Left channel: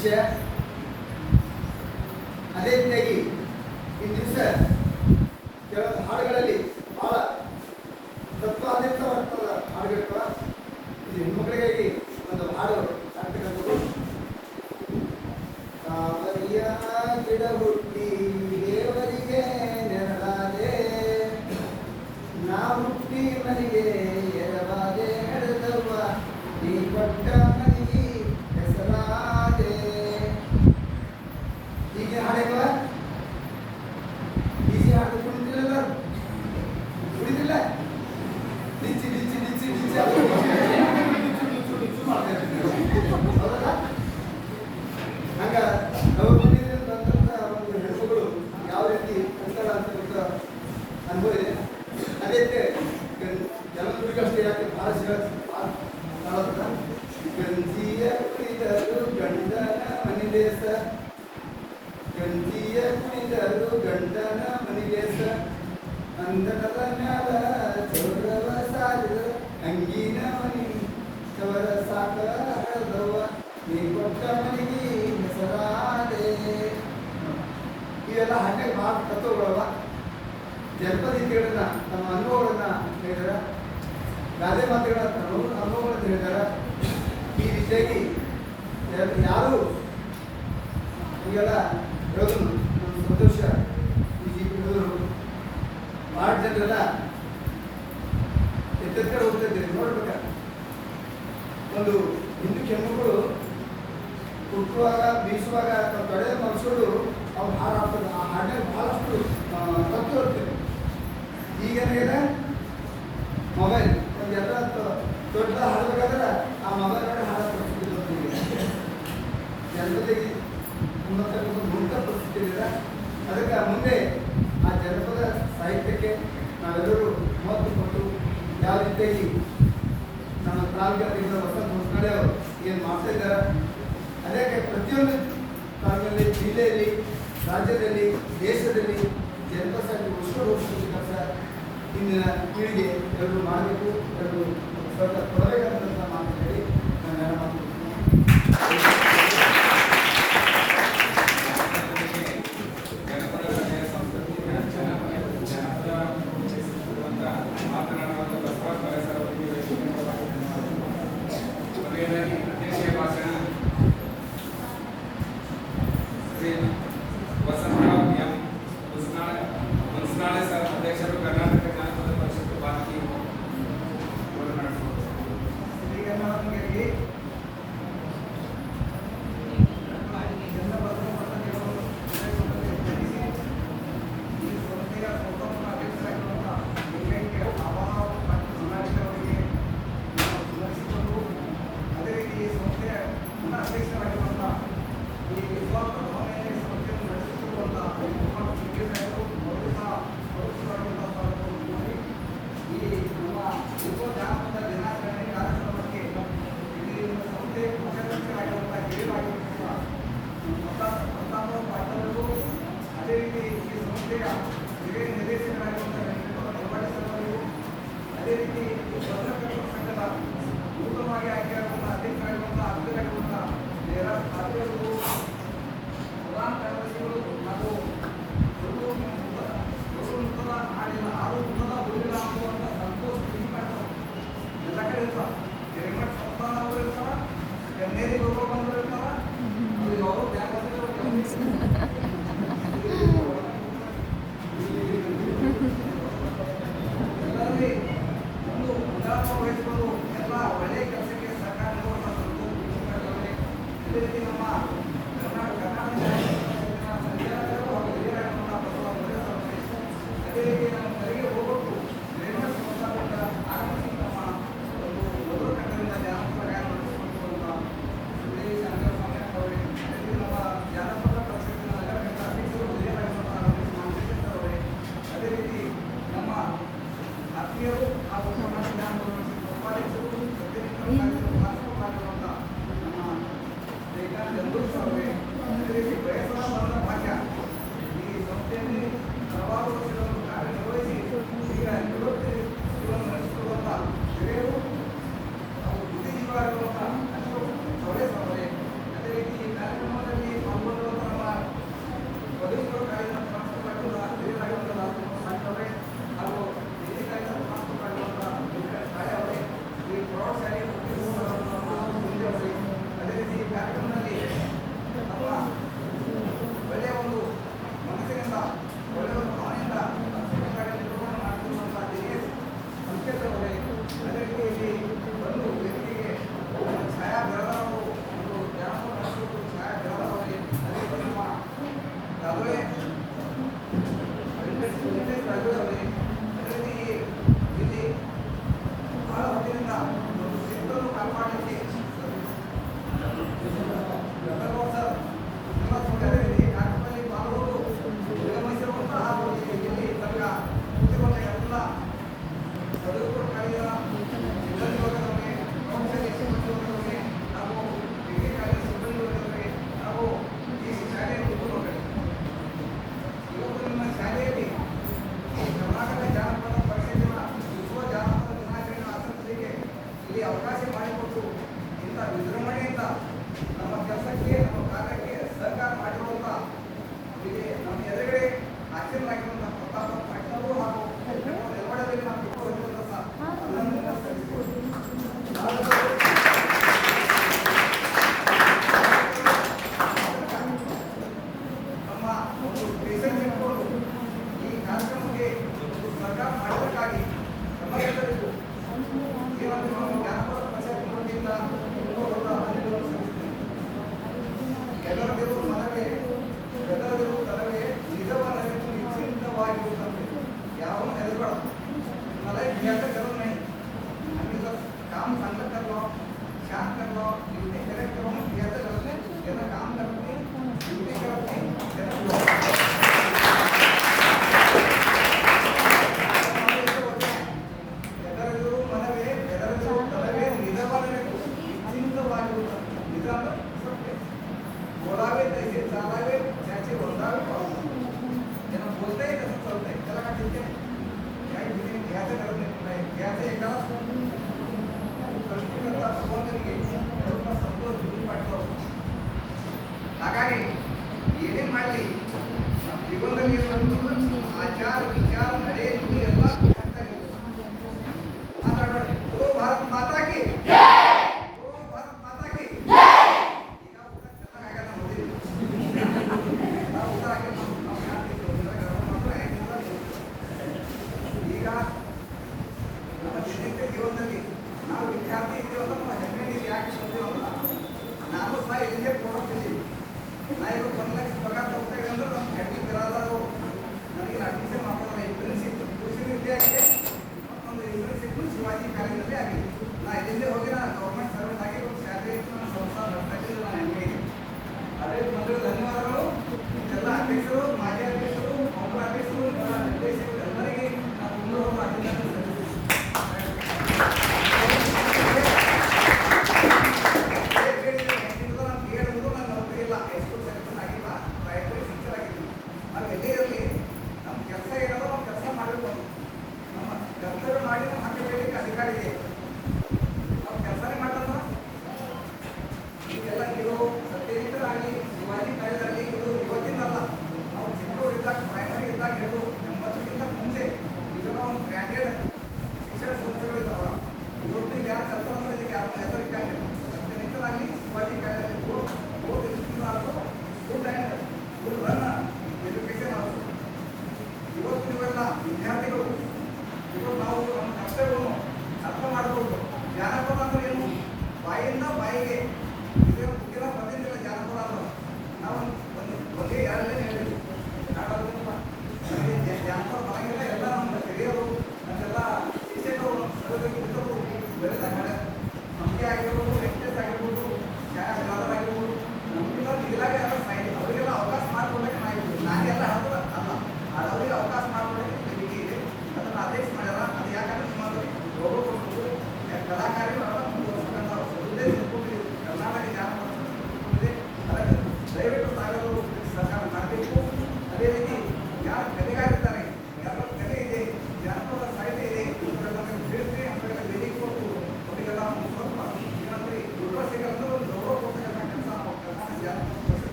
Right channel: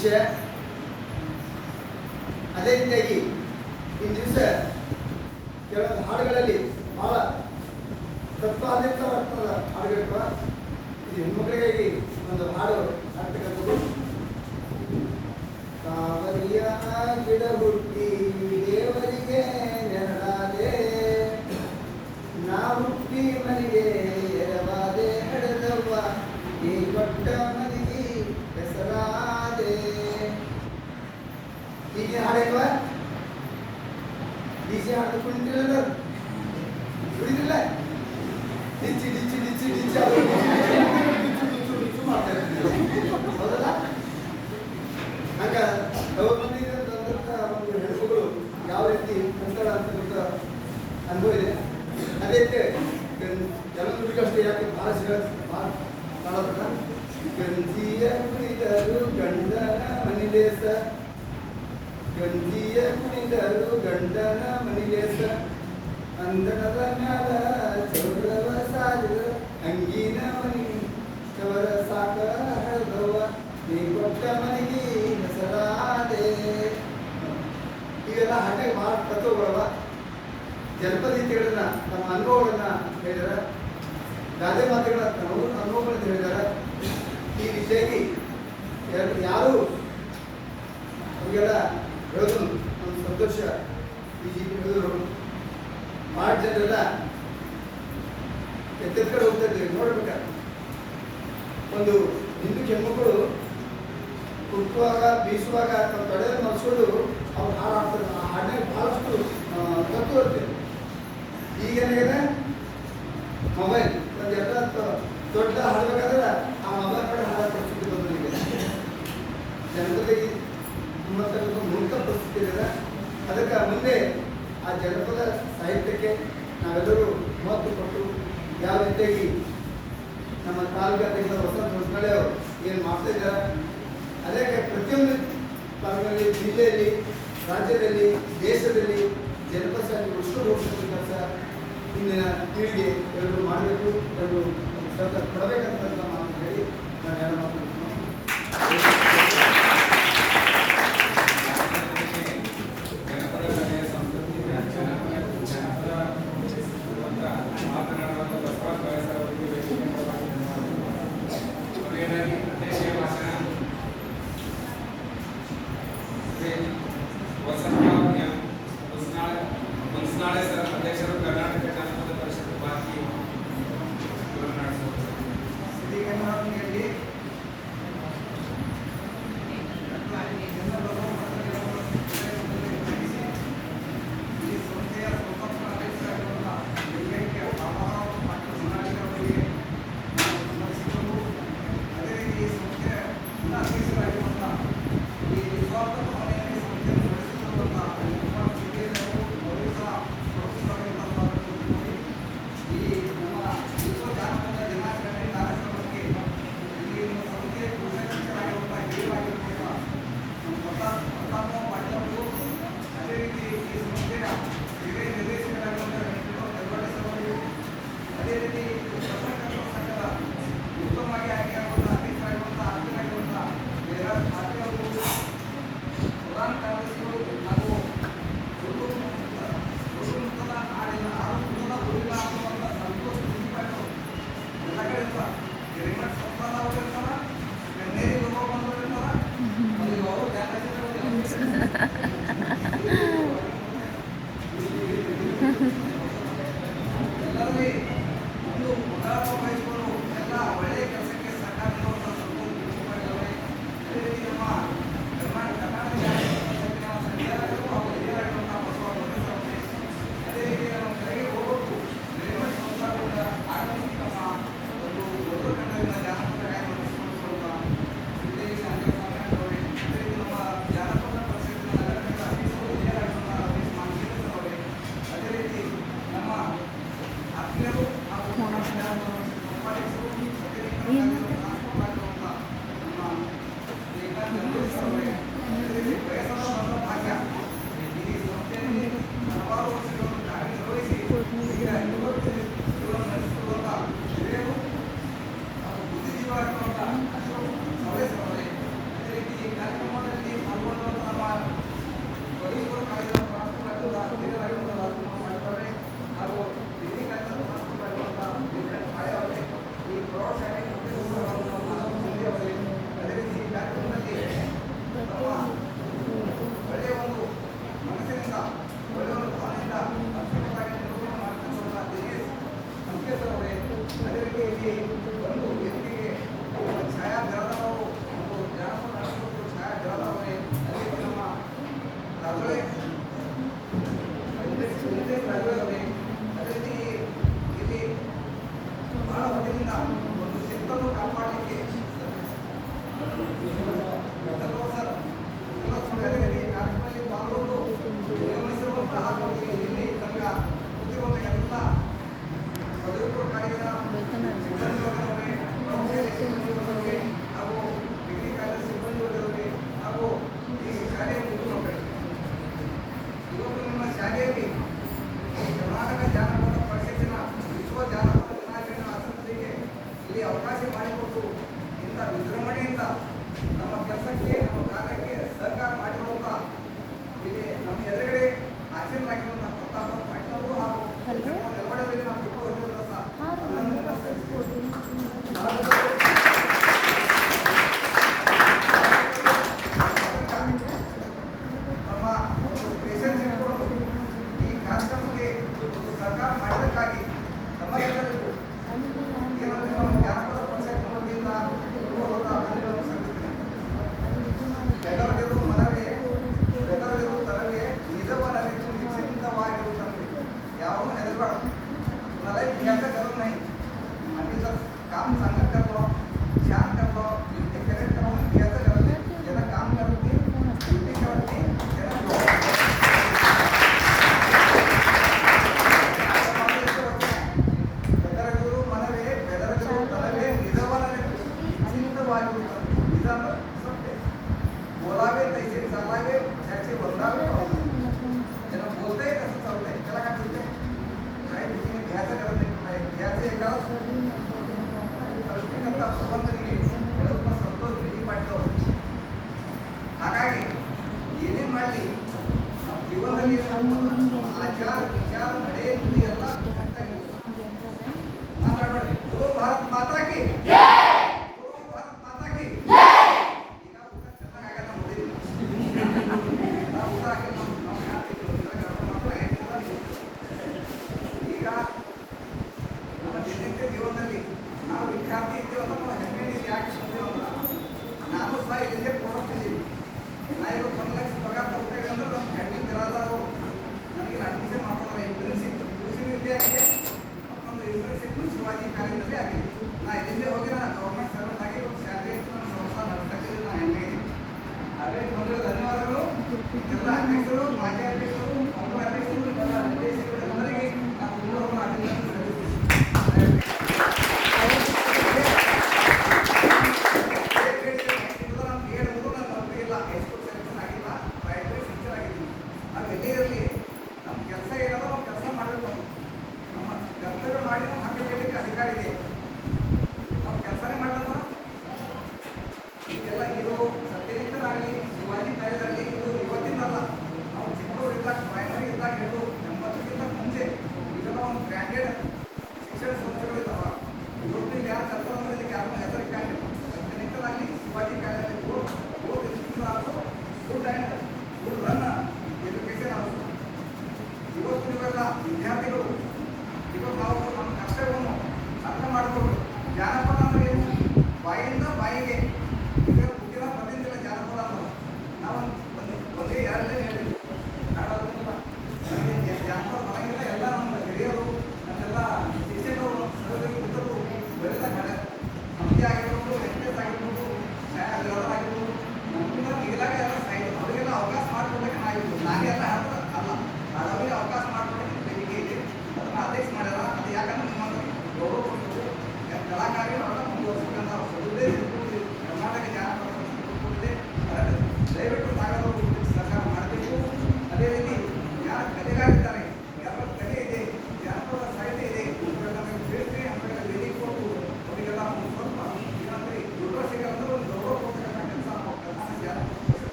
ವಿಷಯ. ಅದೇ ರೀತಿಯಾಗಿ ಈ ದಿವಸ ಕೆಲವೊಂದು ಹಾಡುಗಳಲ್ಲಿ ಬಹಳ ತತ್ವಾಧಾರಿತವಾದ ಹಾಡುಗಳಿರ್ತವ. ಇದು ಹೆಣ್ಮಕ್ಳಿಗಾಗಿ ಒಂದು ಹಾಡು ಹಾಡ್ತಕ್ಕಂಥದ್ದು. ಕಾವಲಿಯ ಗಿಡ ಹುಟ್ಟಿ ದೇವರಿಗೆ ನೆರಳಾದೆ, ನಾ ಹುಟ್ಟಿ ಮನೆಗೆ ಎರವಾದೆ ನಡೆದವ್ವ, ನೀ ಕೊಟ್ಟ ಮನೆಗೆ ಹೆಸರಾದೆ. ಹೀಗೆ ಹಾಡಲ್ವ? ಈಜಿ ಹಾಡು ಕುಣಿತಿರಲ್ಲ, ಕುಣಿತಿಲ್ಲ, ಡಿಚ್ಚಿ ಡಿಚ್ಚಿ ಡಿಚ್ಚಿ ಡಿಚ್ಚಿ ಮಾಡ್ತಾರೆ, ಹೌದಲ್ಲ? ಹಂಗ ನಾವು ಬಂದಿದ್ದಂಥ ಒಂದು ಹೆಣ್ಣುಗಳು ಯಾವ ರೀತಿ ಅಂತರ ಅಂತ ಅನುಭವ ಇದೆ. ಅದೇ ಜಲದುರ್ಗಷ್ಟೇ ಯಾಕೆ ಭಾಳ ಕಾಣಪಟ್ಟ ಗಂಜಿಯ ಕುಣಿದರು ಗಂಡನ ಮನಿಲೇಸ, ಗಂಜಿಯ ಕುಣಿದರು ಗಂಡನ ಮನಿಲೇಸ, ಅಂದನದ ಮ್ಯಾಲ ಚೌರದ ಸಾಗರ ಅಂಗಿನ ಮನಿ ಚವರ ಸಾಕದವ, ನೀ ಕೊಟ್ಟ ಮನೆಗೆ ಹೆಸರಾದೆ. ಇವೆಲ್ಲ ಹಾಗೆ ತತ್ವಗಳವ. ಜನಪದ ಗೀತೆಗಳನ್ನ ನಮ್ಮ ಅನುಭವಗಳನ್ನ ಹೇಳಿದಾರ, ಗಾದೆ ಮಾತುಗಳ ಅನುಭವಗಳನ್ನು ಹೇಳಿದಾರ. ಈ ರೀತಿಯಾಗಿ ಯಾರು ಇವೆಲ್ಲ ಹೇಳೋದು ಒಂದು ಸಂತೋಷ. ಈ ಭಾಳ ಜನರೆಲ್ಲ ಎತ್ತೆತ್ಕಡೆ ಹೋಗ್ತಾ ಇದ್ದೀವಿ ನೋಡ್ಬೇಕ. ಒಂದು ಹಿಂದೂ ಹೆಣ್ಮಕ್ಳು ಕುಟ್ಟುವಾಗ ಬೀಸುವಾಗ ತೊಡೆದ ಮನಸ್ಸುಗಳು ಅವ್ರು ಹಾಡು ಹಾಡ್ತಾರೆ. ಆ ಹಾಡಿನಾಗ ಭಾಳಷ್ಟು ತಪ್ಪು ಇರ್ತದೆ. ಈಗೇನಾಗಿದೆ ಮೊಬೈಲ್ ನಮಗೆಲ್ಲ ದೊಡ್ಡ ಹಾಡ್ಬೇಕಾದ್ರೆ ಆ ಮೊಬೈಲ್ ನೋಡಿ ಹಾಡೋ ಪರಿಸ್ಥಿತಿ ಬಂದಿದೆ. ಜನಪದಕ್ಕೆ ಮುಂತ ಪರಿಸ್ಥಿತಿ ಇದೆ. ಅದಕ್ಕೆ ಮುಂದೆ ಆ ಜನಪದ ಸಾಹಿತ್ಯಕ್ಕೆ ನಾವೆಲ್ಲರೂ ಮಹತ್ವ ಕೊಟ್ಟು ಯಾವ ರೀತಿಯಾಗಿ ನಮ್ಮ ತಾಲೂಕಿನ ವಸಂತ ಹೊಸನಳ್ಳಿ ಅವರು ಏನು ಮಾಡ್ತಾ ಇದ್ದಾರೆ, ಅದೇ ಪ್ರತಿಯೊಂದು ತಾಲೂಕಿನಲ್ಲಿ, ಜಿಲ್ಲೆಯಲ್ಲಿ, ರಾಜ್ಯದಲ್ಲಿ, ದೇಶದಲ್ಲಿ ಜನಪದ ಸಾಹಿತ್ಯ ಉಳಿಸ್ಕೊಂಡು ಕೆಲಸ ಇಂದಿನ ಪೀಳಿಗೆ ಎಲ್ಲರೂ ಮಾಡಬೇಕು, ಎಲ್ಲರೂ ಕೊಡಬೇಕಂತ ಮಾತು ಹೇಳಿ ನಾನು ಎರಡು ಮಾತು ಅಧ್ಯಕ್ಷರು ಕರ್ನಾಟಕ ಜನಪದ ಪರಿಷತ್ ಬಾಕಿ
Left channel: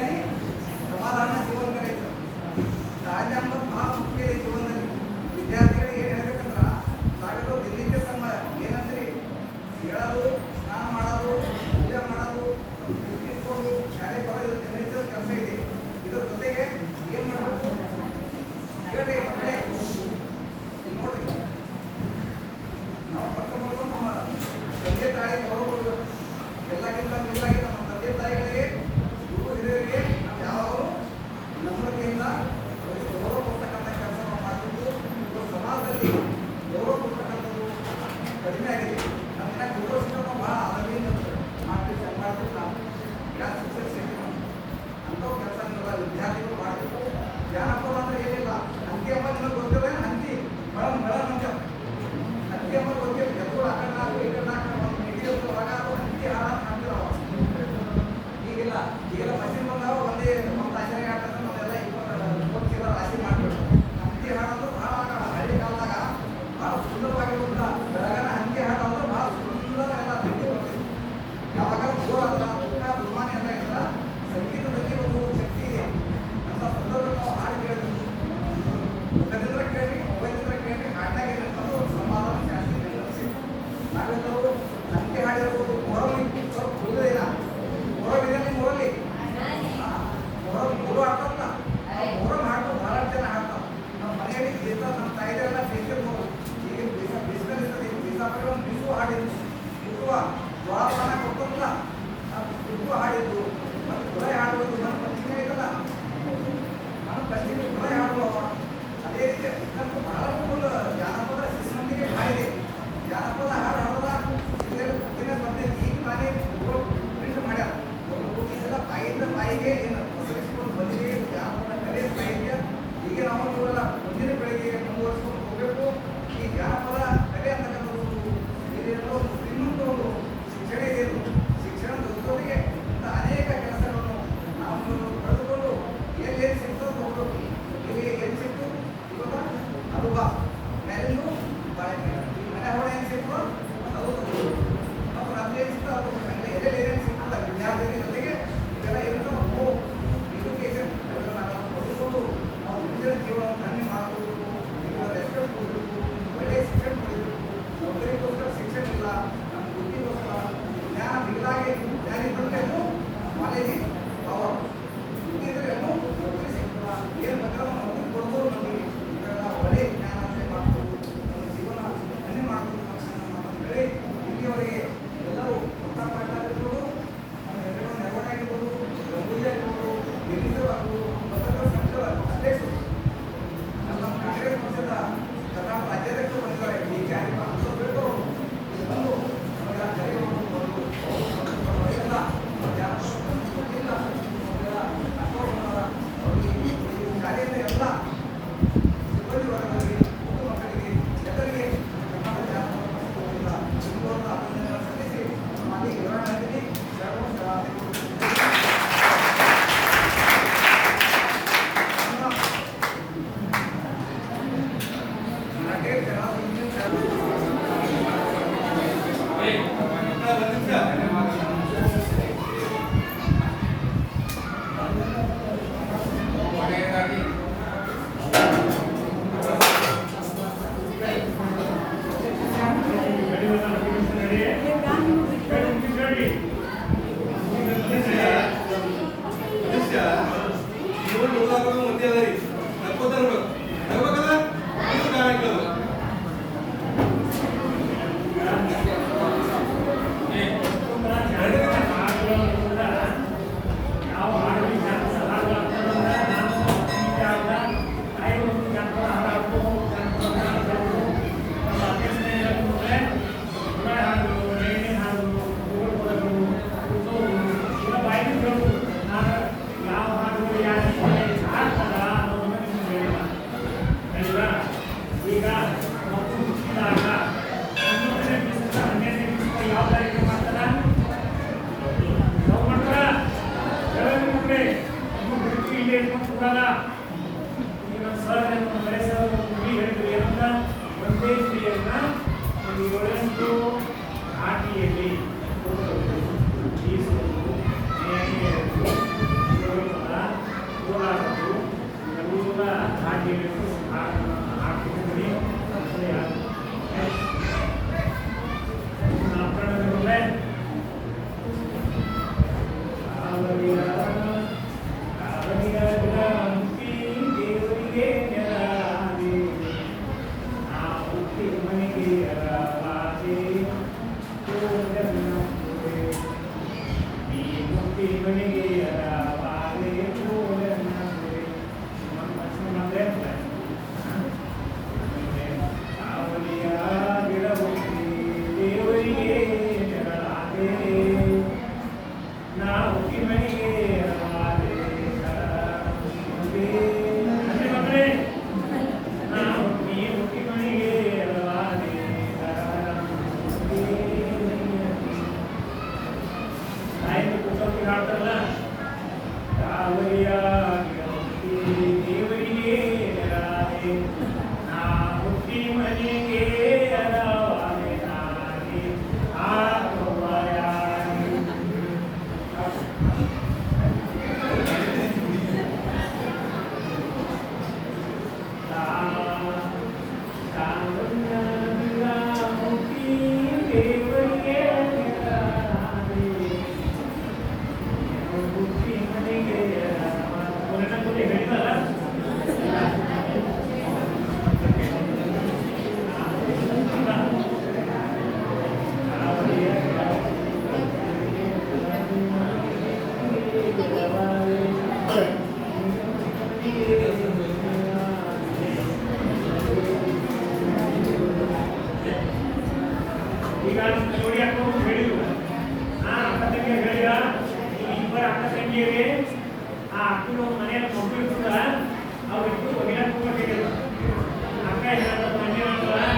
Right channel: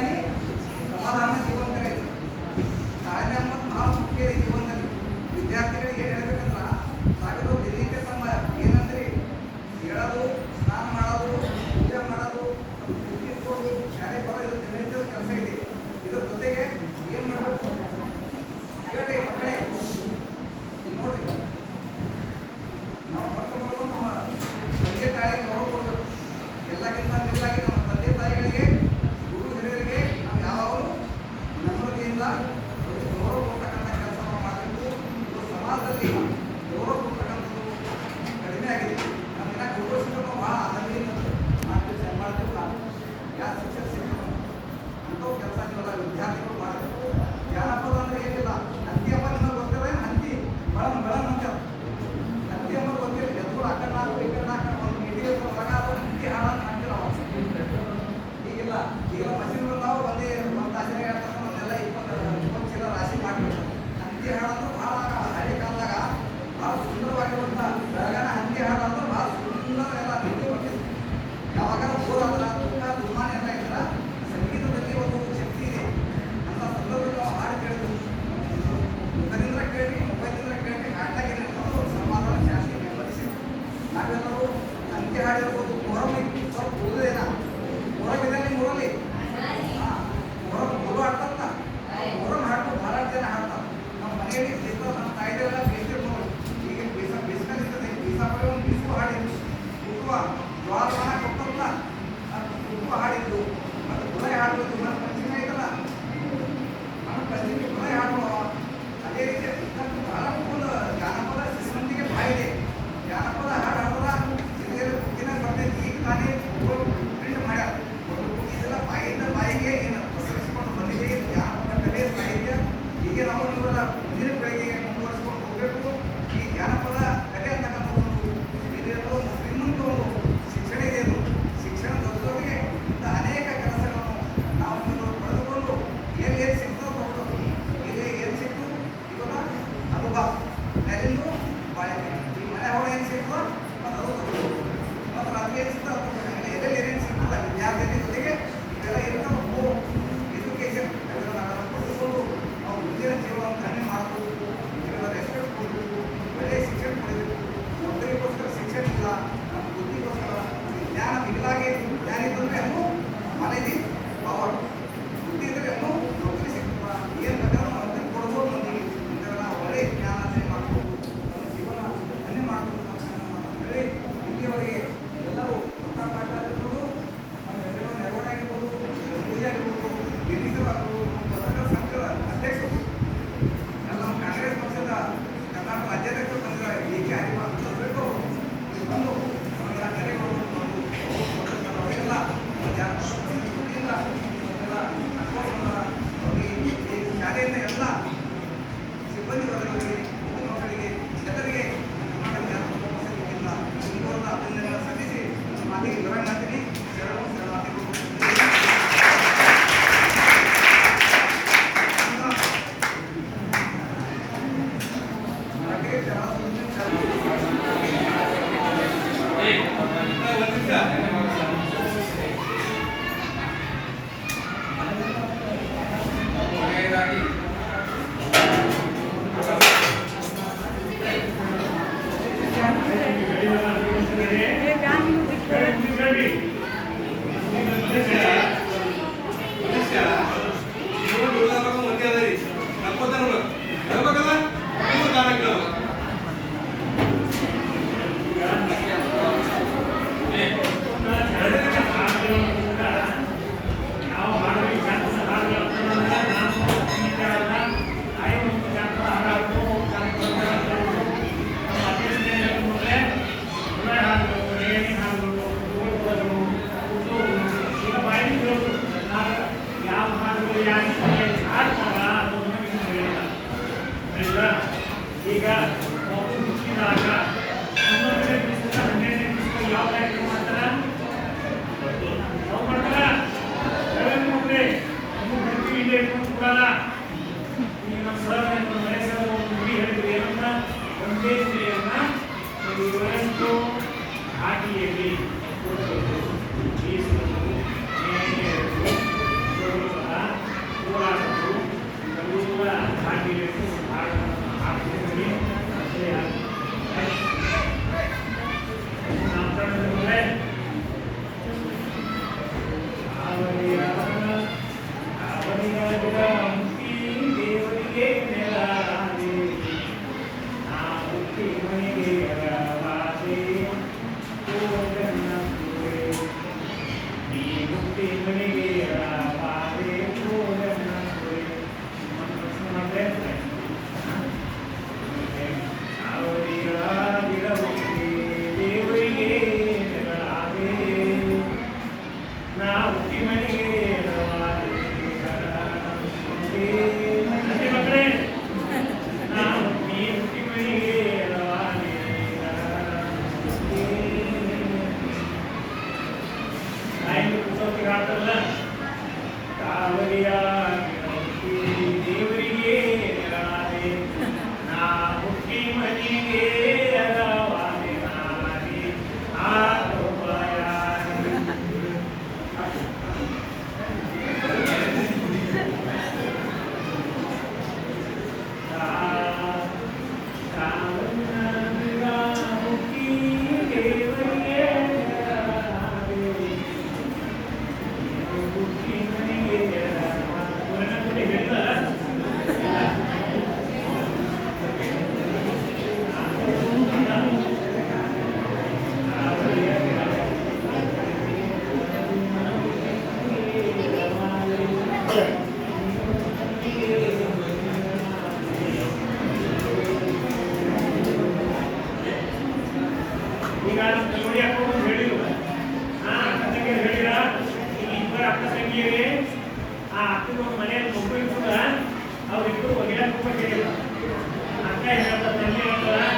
ಸಮಾಧಾನ ಜೀವನ ತಾಳ್ಮೆ ಅನ್ನೋದು ಬಹಳ ಮುಖ್ಯ ಇದೆ ಜೀವನದಲ್ಲಿ. ವಿದ್ಯಾರ್ಥಿಗಳಿಗೆ ಏನು ಹೇಳ್ಬೇಕಂದ್ರೆ ತಾವೆಲ್ಲರೂ ದಿನನಿತ್ಯ ತಮ್ಮ ಏನಂದ್ರಿ ಹೇಳೋದು, ಸ್ನಾನ ಮಾಡೋದು, ಪೂಜೆ ಮಾಡೋದು, ಇಟ್ಕೊಂಡು ಶಾಲೆ ಬರೋದು ದಿನನಿತ್ಯ ಕೆಲಸ ಇದೆ. ಇದ್ರ ಜೊತೆಗೆ ಏನು ಮಾಡಬೇಕು ಹೇಳಿ ಮಕ್ಕಳೇ ನೋಡಿ, ನಾವು ಪತ್ರ ಮಾಡ್ಕೊಂಡು ನಮ್ಮ ತಂದೆ ತಾಯಿ ಗೌರವ ಕೊಡಬೇಕು. ಎಲ್ಲಕ್ಕಿಂತ ಮಿಗಿಲಾಗಿ ನಮ್ಮ ತಂದೆ ತಾಯಿಗಳಿಗೆ, ಗುರು ಹಿರಿಯರಿಗೆ ನಾವು ಯಾವಾಗಲೂ ನಮ್ರತೆಯಿಂದ ಗೌರವ ಕೊಡ್ತಕ್ಕಂಥ ಕೆಲಸ ನಾವು ಮಾಡಬೇಕು. ಇವತ್ತು ಸಮಾಜದಲ್ಲಿ ಗೌರವ ಕೊಡ್ತಕ್ಕಂಥದ್ದು ಕಡಿಮೆ ಆಗಿದೆ. ನಮ್ಮನ್ನ ಗೌರವಿಸಿದ್ರೆ ನಾವು ಭಾಳ ಆನಂದದಿಂದ ಮಾಡ್ತೀವಿ ನಾವು ಯಾವ ಶಿಕ್ಷಣ ಸೇವೆ ಅಂಥವು ಕೆಲಸ ವಿದ್ಯಾರ್ಥಿಗಳು ಮಾಡಬೇಕು. ಜಾನಪದ ಅಂದ್ರೆ ಏನಿಲ್ಲ, ಹಂತಿ ಹಬ್ಬ ನಿಮಗೆ ಗೊತ್ತಿಲ್ಲ, ಹಂತಿ ಬೆಳ ಅಂತ ಹಂತಿ ಹಬ್ಬ ಗೊತ್ತಿಲ್ಲ. ಎದುರು ಆ ಕಡೆ ನಾಲ್ಕು ಈ ಕಡೆ ನಾಲ್ಕು ಒಂದು ಹಿಡಿಯೋ ಹೊರಗ ಅದು ಹಂತಿ ಹಾಳಾಗಿ ಮಾಡ್ತೀವಿ ನಾವು. ಈಗಿಲ್ಲ, ಈಗೆಲ್ಲ ಮಷೀನ್ ಬಂದಾವ, ಒಂದೇ ಒಂದು ಆಚರಣೆ ಹೇಳ್ತಾರೆ, ಒಂದೆಲ್ಲ 20 ಚೀಲ ರಾಶಿ ಮಾಡಬೇಕು. ಹಂತಿ ಹಾಡೋದು ಭಾಳ ಹಳ್ಳಿ ಕಾಲದಾಗ ಭಾಳ ಸುಂದರವಾಗಿರುವಂಥ ಬೆಳಗಾನ ಹಂತಿ ಹಾಡೋದು ಭಾಳ ಸುಂದರ ಎಲ್ಲ ನಿಂತು ಬರ್ತಿದೆ. ಯಾವಾಗ ಬೋರ್ ಆದ್ರೆ ಊಟ ದುರ್ಮಾನ ಎಲ್ಲ ಇದ್ರೆ ಸಂಗೀತದಲ್ಲಿ ಒಂದು ಶಕ್ತಿ ಇದೆ ಅಂತ ಸಂದರ್ಭದಲ್ಲಿ ನಾವು ಹಾಡು ಕೇಳ್ತೀವಿ. ಮುಖದಿಂದ ಕೇಳಿ, ಮೊಬೈಲಿಂದ ಕೇಳಿ, ಹಾಡ್ದಾಗ ಅನ್ನೋದು ಸಮಾಧಾನ ಶಾಸ್ತಿ ಬೆಂಬಲಿಸಿದೆ. ನಾವೆಲ್ಲರೂ ಹಂತಿ ಹಾಡಿರ್ಬೋದು. ಮೊಹರಂ ಸ್ವಲ್ಪ ಉಳಿದಿಲ್ಲ, ಮೊಹರಂ ಇದೆ ನಿಮ್ಮೂರಲ್ಲಿ? ಮೊಹರಂ ಮೂರು ಹಾಡ್ತಾರಲ್ಲ, ಮೊಹರಂ ಹಾಡ್ತಾರೆ, ಬಹಳಷ್ಟು ಜನ ಹಾಡ್ತಾರೆ. ನಮ್ಮ ಮನೆಯಲ್ಲಿ ಬೀಸ, ನಮ್ಮ ತಾಯಿದೆಲ್ಲ ಬೇಸಿರ್ಬೋದು. ಈಗ ಬೀಸ್ಕೊಂಡಿರ್ತದೆ, ಬೀಸಾದ್ರೆ ಒಂದು ಬೀಸು ಹಾಡಿದ್ದು, ಕುಟುವ ಜ್ವಾಳವನ್ನ ಕೊಟ್ಟಂತ ಕುಟುವ ಹಾಡಿದ್ದು, ಮತ್ತು ಗುಳೆ ಹಾಡುವುದು. ನನ್ನ ಪಂಚಮಿ ಐತಲ್ಲ, ನಮ್ಮ ಪಂಚಮಿ ಗುಳೆ ಹಾಡುವ. ಅದೇ ರೀತಿ ನಮ್ಗೆ ಬಹಳ ಫುಲ್ ಜಾನಪದ ಶ್ರೀಮಂತಿಗೆ ಬಾಯಿದೆ. ಜಾನಪದ ಹಾಡು ಹಾಡಿದ್ರೆ ದಿನ ಬರ್ತೈತಿ. ಈಗ ನಾನೇ ಪ್ರಿಂಟ್ ಮಾಡ್ಯಾರ, ಇದೆಲ್ಲ ಬಾಯಿಂದ ಬಾಯಿಗೆ ಏನು ಪ್ರಸರಿಸಿಕೊಂಡು ಬಂದಿದೆ. ಜಾನಪದ ಕಲೆ ಸಾಹಿತ್ಯ ಹೀಗೆ ನಾವು ನೀವೆಲ್ಲ ಮುಂದಿನ ಪೀಳಿಗೆಗೆ ಮುಂದುವರಿಸಿಕೊಂಡು ಹೋಗಬೇಕು. ಈ ಜಾನಪದ ಕಲೆ ಅಂತಕ್ಕಂಥದ್ದು ಇಲ್ಲಿರುವ ಒಂದು ಶ್ರೀಮಂತ ಒಂದು ಶಿಕ್ಷಣ ಇದೆ. ಇದು ಶಿಕ್ಷಣದ ಜೊತೆಗೆ ಇಂಥ ಅನೇಕ ಕೆಲಸಗಳನ್ನು ನಾವು ಪಡೆದುಕೊಂಡು ಎಲ್ಲಿ ಸಿಗ್ತದೆ ತಗೊಳ್ಬೇಕು. ಇಲ್ಲಿ ಏನು ಸಿಕ್ತು ಇವಾಗ ಅದು ಬಾ ಮೇಲಿಂದು ಬಾಳೆಕಾಯಿ, ಈ ಮನೆ ಹೊಡೆ ಏನು ಸಿಗ್ತದೆ ಮತ್ತು ಅದು ತಗೊಳ್ಬೇಕು. ಮತ್ತು ಅದು ಏನು ಸಿಗ್ತದೆ ಅದು ತಗೊಳ್ಬೇಕು. ಎಲ್ಲೆಲ್ಲಿ ಏನೇನು ಸಿಗ್ತದೆ ವಿದ್ಯಾರ್ಥಿ ಜೊತೆಗೆ ಇದೆಲ್ಲ ಇರುತ್ತೆ. ನಾವು ಎಜುಕೇಷನ್ ಪಡೆದುಕೊಂಡು ನಾವು ಮುಂದಿನ ಜೀವನವನ್ನು ಕಡಿಮೆ ಮಾಡಬೇಕು. ಇದೆಲ್ಲ ರೆಸ್ಪೆಕ್ಟ್ ಕೊಡಬೇಕು, ಒಳ್ಳೆಯ ಶಿಕ್ಷಣ ಪಡೆಯಬೇಕು. ನೌಕರಿಗೋಸ್ಕರ ಶಿಕ್ಷಣ ಇಲ್ಲ, ನಮ್ಮ ಬುದ್ಧಿಗೋಸ್ಕರ ಜ್ಞಾನ ಮಿಗಿಲಾಗಿ ಜ್ಞಾನ ಇದ್ದರೆ ಎಲ್ಲೂ ಮನೇಲಿ ಪವರ್, ಬುದ್ಧಿ ಇದ್ದರೆ ಎಲ್ಲೂ ನೌಕರಿ ಸಿಗ್ತದೆ. ಏನು ಬೇಕಾದ್ರೂ ನೌಕರಿ ಕೊಡ್ಬೋದು ಮಂದಿಗೆ. ಇದೆಲ್ಲ ಒಳ್ಳೆಯ ಜ್ಞಾನ ಮಾಡ್ಬೋದು, ನಮ್ಮ ಜೀವನ ಕಡಿಮೆ ಮಾಡ್ಬೋದು ಅಂತ ಹೇಳಿ ಇಲ್ಲಿಯವರೆಗೆ ಎಲ್ಲರೂ ಆಗಿರ್ಬೋದು, ನೆರವಾಗಿರ್ಬೋದು, ಗಂಗೂಲಿ ಆಗಿರ್ಬೋದು, ಗಿರಿಜರಾಗಬಹುದು, ಪತ್ರಕರ್ತರ ಸಂಘದ ಅಧ್ಯಕ್ಷರು, ನಮ್ಮ ಕಾಂಗ್ರೆಸ್ ಪಕ್ಷದ ಕರ್ನಾಟಕ ರಾಜ್ಯಾಧ್ಯಕ್ಷರು ಬಂದಿದ್ದಾರೆ. ಡಿ.ಕೆ. ಹರಿಪ್ಪ ಅಂತ ಬಿಟ್ಟು ಬಂದು ನಮಗೆ ಕರೆಗಳು ಎಲ್ಲ ಜಾನಪದ ಶಾಲೆಯಿಂದ ಎಲ್ಲ ಸಿಬ್ಬಂದಿ ವರ್ಗಗಳಿಗೆ, ಮಕ್ಕಳು ಮಕ್ಕಳಿಗೆ, ಜನರಿಗೆ ಕರ್ನಾಟಕ ಜಾನಪದ ಸಂಘದಿಂದ ತುಂಬುವಂಥ ಅಭಿನಂದನೆಗಳನ್ನು ಸಲ್ಲಿಸಿ ಮಾತಿಗೆ ವಿವರಣೆ ಮಾಡ್ತೀನಿ. ಶರಣಾರ್ಥಿಗಳು. ಇವರಂತೂ ಆಟಿಯಲ್ಲಿ ಈಸುವುದು ನೇಣಿಗೆಯರು ಹೋರಾಡೋದು ಎಲ್ಲವೂ ಕೂಡ ಆಟಿಯಲ್ಲಿ ಹಾಕ್ತಿದ್ದೀವಿ ಈಗ ನೋಡಿ ಅಕ್ಕ ಹೇಳಿದ್ರು ಅಕ್ಕ ತಂಗಿ ಹೇಳಿದ ಇಬ್ಬರು ಅಕ್ಕ ತಂಗಿಯರೇ ಆ ಅಕ್ಕನ ಮನೆಯಲ್ಲಿ ಮಗು ಇರ್ತದ ಅವ್ರಿಬ್ಬರು ಒಳ್ಳೆಯ ಹೇಳಿದ್ರು ಅಕ್ಕ ಹೇಳ್ತ ತಂಗಿ ಹೇಳ್ತಾರ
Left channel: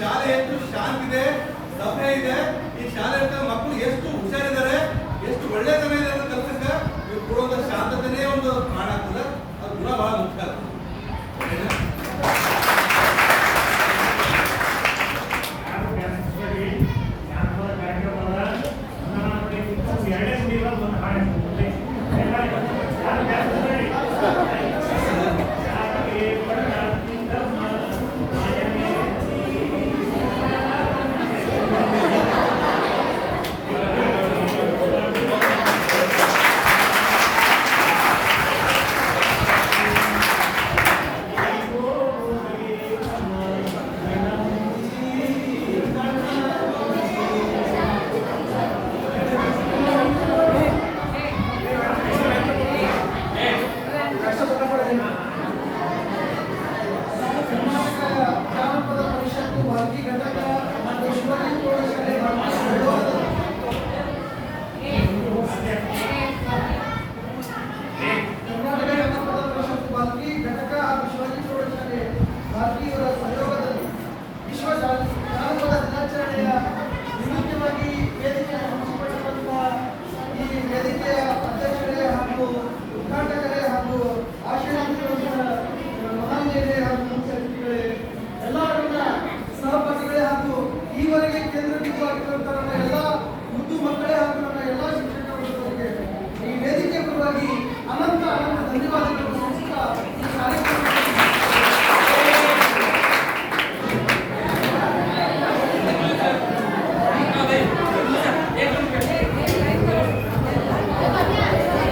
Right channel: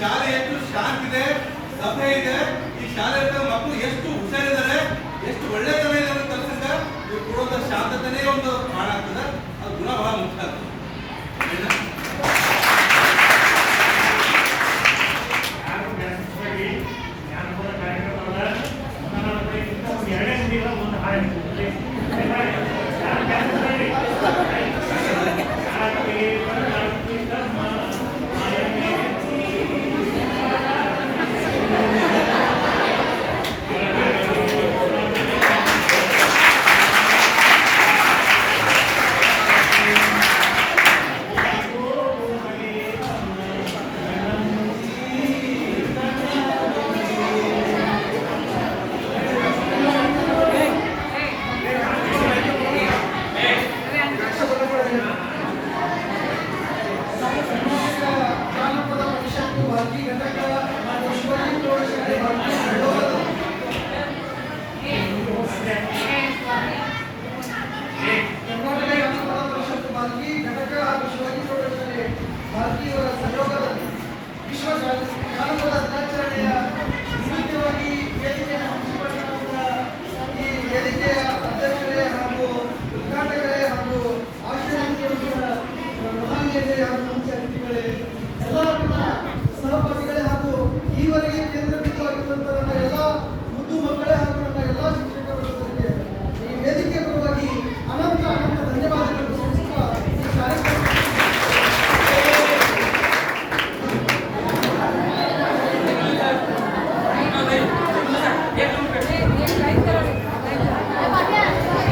ಶಾಲೆ ಎಷ್ಟು ಶಾಂತ ಇದೆ, ಸಭೆ ಇದೆ, ಈ ಶಾಲೆ ಮಕ್ಕಳು ಎಷ್ಟು ಹುಷಾರಿದ್ದಾರೆ, ಎಷ್ಟು ಒಳ್ಳೆತನ ಇದೆ ಅಂತ ಕಲ್ಸಂಗ ಇವ್ರು ಕೊಡುವಂತ ಶಾಂತತೆನೇ ಒಂದು ಕಾರಣ ಆಗ್ತದೆ. ಅದು ಗುಣ ಬಹಳ ಮುಖ್ಯ ಆಗ್ತದೆ. ಜಾನಪದ ಪರಿಷತ್ತು ಬಾಲ್ಕಿ ಘಟಕ ಈಶ್ವರಿ ಪ್ರೌಢಶಾಲೆ ಬಾಲ್ಕಿ ಸಹಯೋಗದಲ್ಲಿ ಕರ್ನಾಟಕ ಜಾನಪದ ಪರಿಷತ್ತು ಬಾಲ್ಕಿ ಘಟಕ ಹಾಗೂ ಶಿವಾಜಿ ಪ್ರೌಢಶಾಲೆ ಬಾಲ್ಕಿಯವರ ಸಹಯೋಗದಲ್ಲಿ ವಿಶ್ವ ಜಾನಪದ ದಿನಾಚರಣೆಯ ನಿಮಿತ್ತವಾಗಿ ವೇದಿಕೆಯನ್ನು ಹಂಚಿಕೊಂಡಿರುವಂತಹ ಈ ವೇದಿಕೆಯ ಅಧ್ಯಕ್ಷರೇ ಹಾಗೂ ಉದ್ಘಾಟಕರೇ ಹಾಗೂ ಆಶೀರ್ವಾದ ಮಹಾನೀಯರೇ ಹಾಗೂ ಮುಖ್ಯ ಅತಿಥಿಗಳೇ, ಎಲ್ಲರನ್ನ ಸಹಪಾಠಿಗಳೇ ಹಾಗೂ ಈವರೆಗೆ ಕೇಂದ್ರ ಬಿಂದುವಾಗಿರುವಂತಹ ನನ್ನ ಎಲ್ಲ ಮುದ್ದು ಮಕ್ಕಳೇ ಹಾಗೂ